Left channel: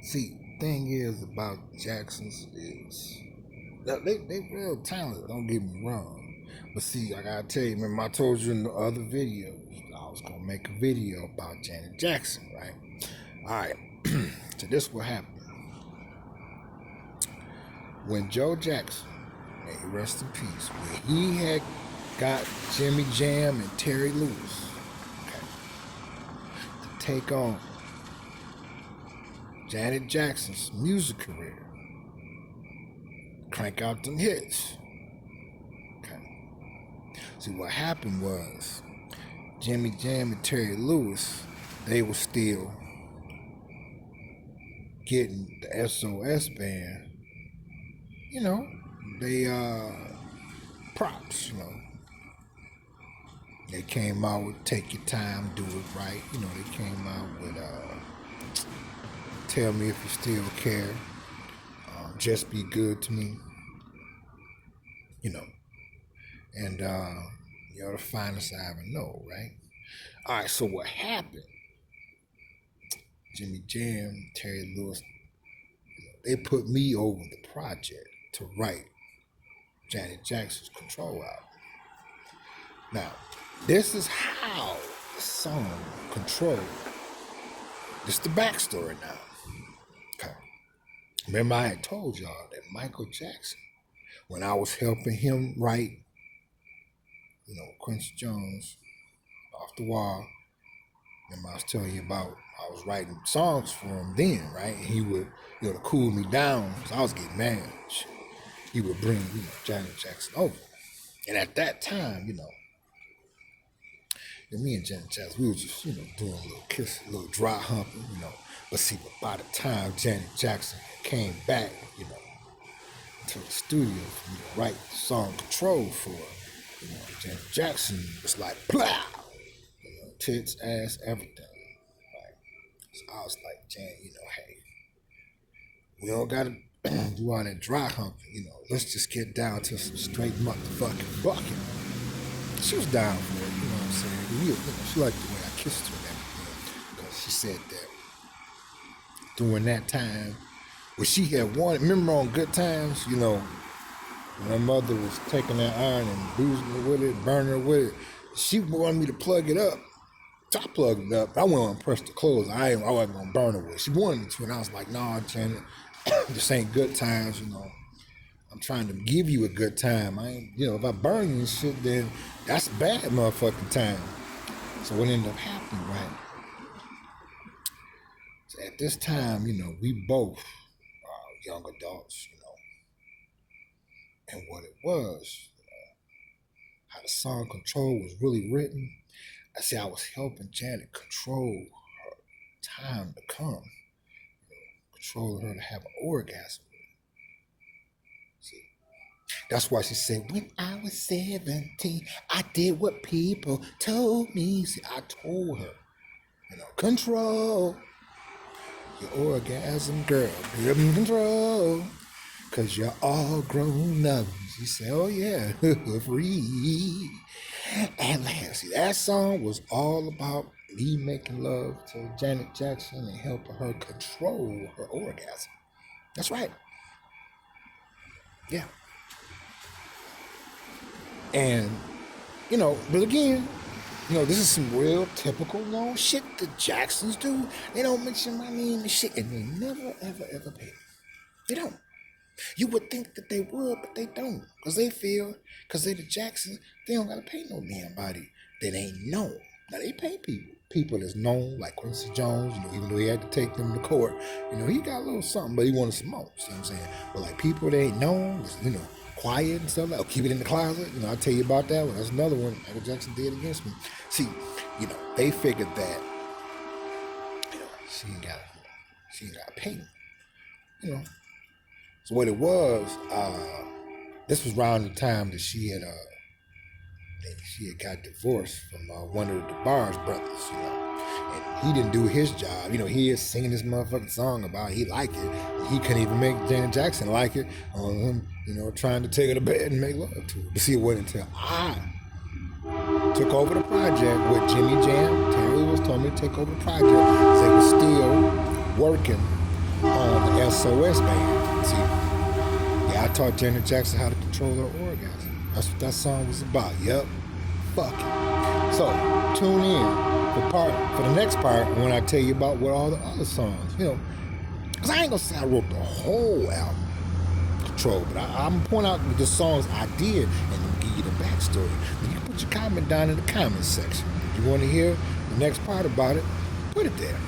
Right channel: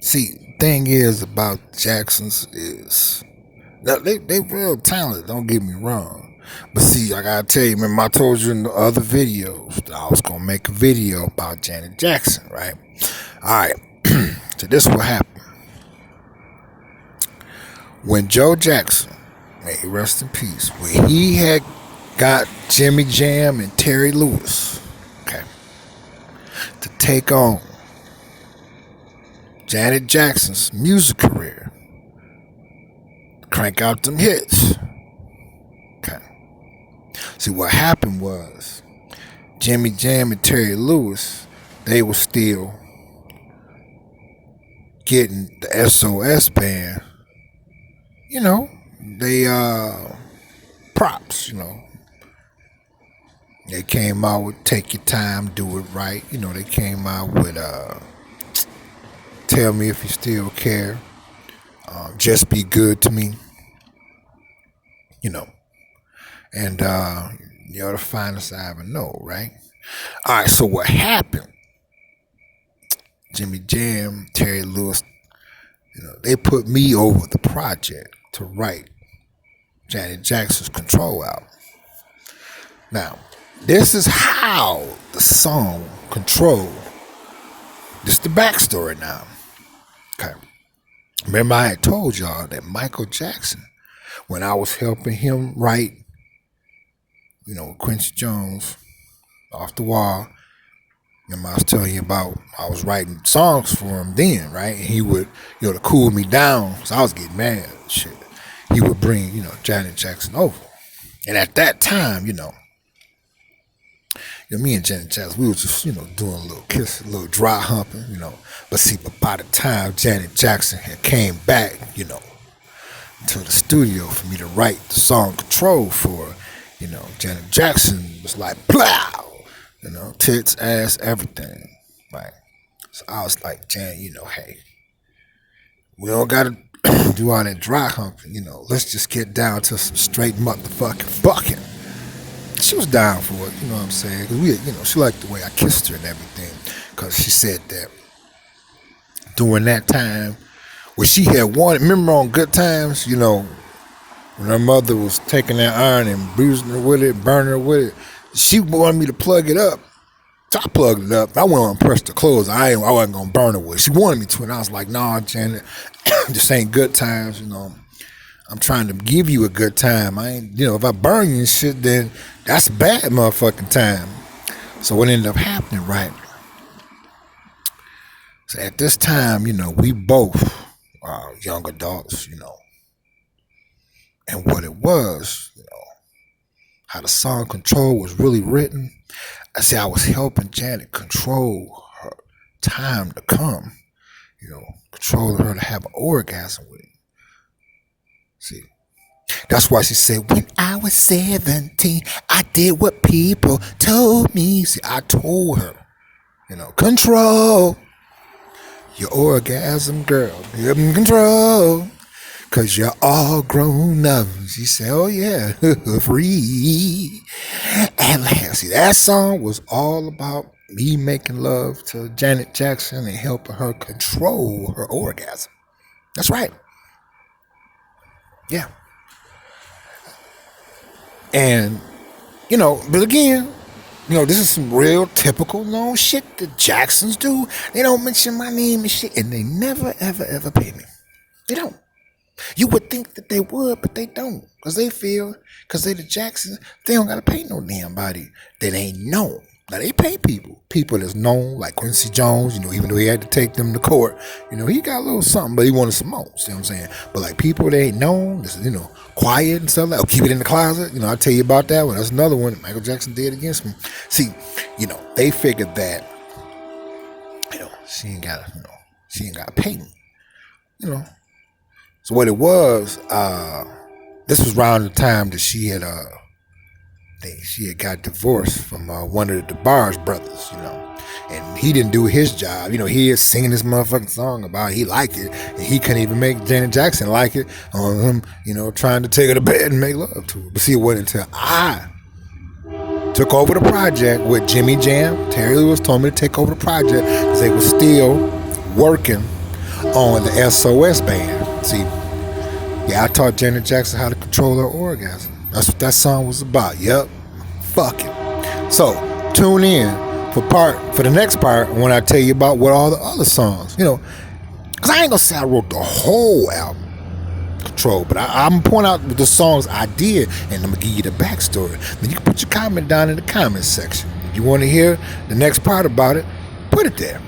See, thing is about Jacksons is that they real talented. Don't get me wrong, but see, I gotta tell you, remember I told you in the other videos that I was gonna make a video about Janet Jackson, right? All right. So this what happened when Joe Jackson, may he rest in peace, when he had got Jimmy Jam and Terry Lewis, okay, to take on Janet Jackson's music career, crank out them hits. Okay. See, what happened was Jimmy Jam and Terry Lewis, they were still getting the SOS band, you know, they props, you know. They came out with Take Your Time, Do It Right. You know, they came out with Tell Me If You Still Care, Just Be Good to Me, you know. And you're the finest I ever know, right? All right, so what happened? Jimmy Jam, Terry Lewis, you know, they put me over the project to write Janet Jackson's Control album. Now, this is how the song Control, this is the backstory now. Okay. Remember I had told y'all that Michael Jackson, when I was helping him write, you know, Quincy Jones, Off the Wall, remember I was telling you about I was writing songs for him then, right? And he would, you know, to cool me down, because I was getting mad and shit, he would bring, you know, Janet Jackson over. And at that time, you know, me and Janet Jackson, we was just, you know, doing a little kiss, a little dry humping, you know. But see, but by the time Janet Jackson had came back, you know, to the studio for me to write the song Control for, you know, Janet Jackson was like, plow, you know, tits, ass, everything. Right. So I was like, Janet, you know, hey, we don't gotta do all that dry humping, you know. Let's just get down to some straight motherfucking bucking. She was down for it, you know what I'm saying? We, you know, she liked the way I kissed her and everything, because she said that during that time, when she had wanted, remember on Good Times, you know, when her mother was taking that iron and bruising her with it, burning her with it, she wanted me to plug it up. So I plugged it up. I went on and pressed the clothes. I wasn't going to burn her with it. She wanted me to, and I was like, nah, Janet, this ain't good times, you know. I'm trying to give you a good time. I ain't, you know, if I burn you and shit, then that's a bad motherfucking time. So what ended up happening, right? So at this time, you know, we both are young adults, you know. And what it was, you know, how the song Control was really written, I say I was helping Janet control her time to come, you know, controlling her to have an orgasm with it. See, that's why she said, when I was 17, I did what people told me. See, I told her, you know, control your orgasm, girl. Give them control, because you're all grown up. She said, oh, yeah, free. And see, that song was all about me making love to Janet Jackson and helping her control her orgasm. That's right. Yeah. And, you know, but again, you know, this is some real typical known shit the Jacksons do. They don't mention my name and shit, and they never, ever, ever pay me. They don't. You would think that they would, but they don't. Because they feel, because they the Jacksons, they don't got to pay no damn body that ain't known. Now, they pay people that's known, like Quincy Jones, you know, even though he had to take them to court, you know, he got a little something, but he wanted some more, see what I'm saying? But like people that ain't known, you know, quiet and stuff like, oh, keep it in the closet, you know, I'll tell you about that one. That's another one Michael Jackson did against me. See, you know, they figured that, you know, she ain't got to pay me, you know. So what it was, this was around the time that she had got divorced from one of the DeBarge brothers, you know, and he didn't do his job. You know, he is singing this motherfucking song about he liked it, and he couldn't even make Janet Jackson like it on him, you know, trying to take her to bed and make love to her. But see, it wasn't until I took over the project with Jimmy Jam. Terry Lewis told me to take over the project because they were still working on the SOS band. See, yeah, I taught Janet Jackson how to control her orgasm. That's what that song was about. Yep. Fuck it. So tune in for the next part when I tell you about what all the other songs, because I ain't gonna say I wrote the whole album, Control, but I'm gonna point out the songs I did, and I'm gonna give you the backstory. Then you can put your comment down in the comment section. If you want to hear the next part about it, put it there.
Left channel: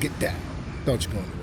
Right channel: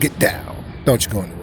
Get down. Don't you go in there.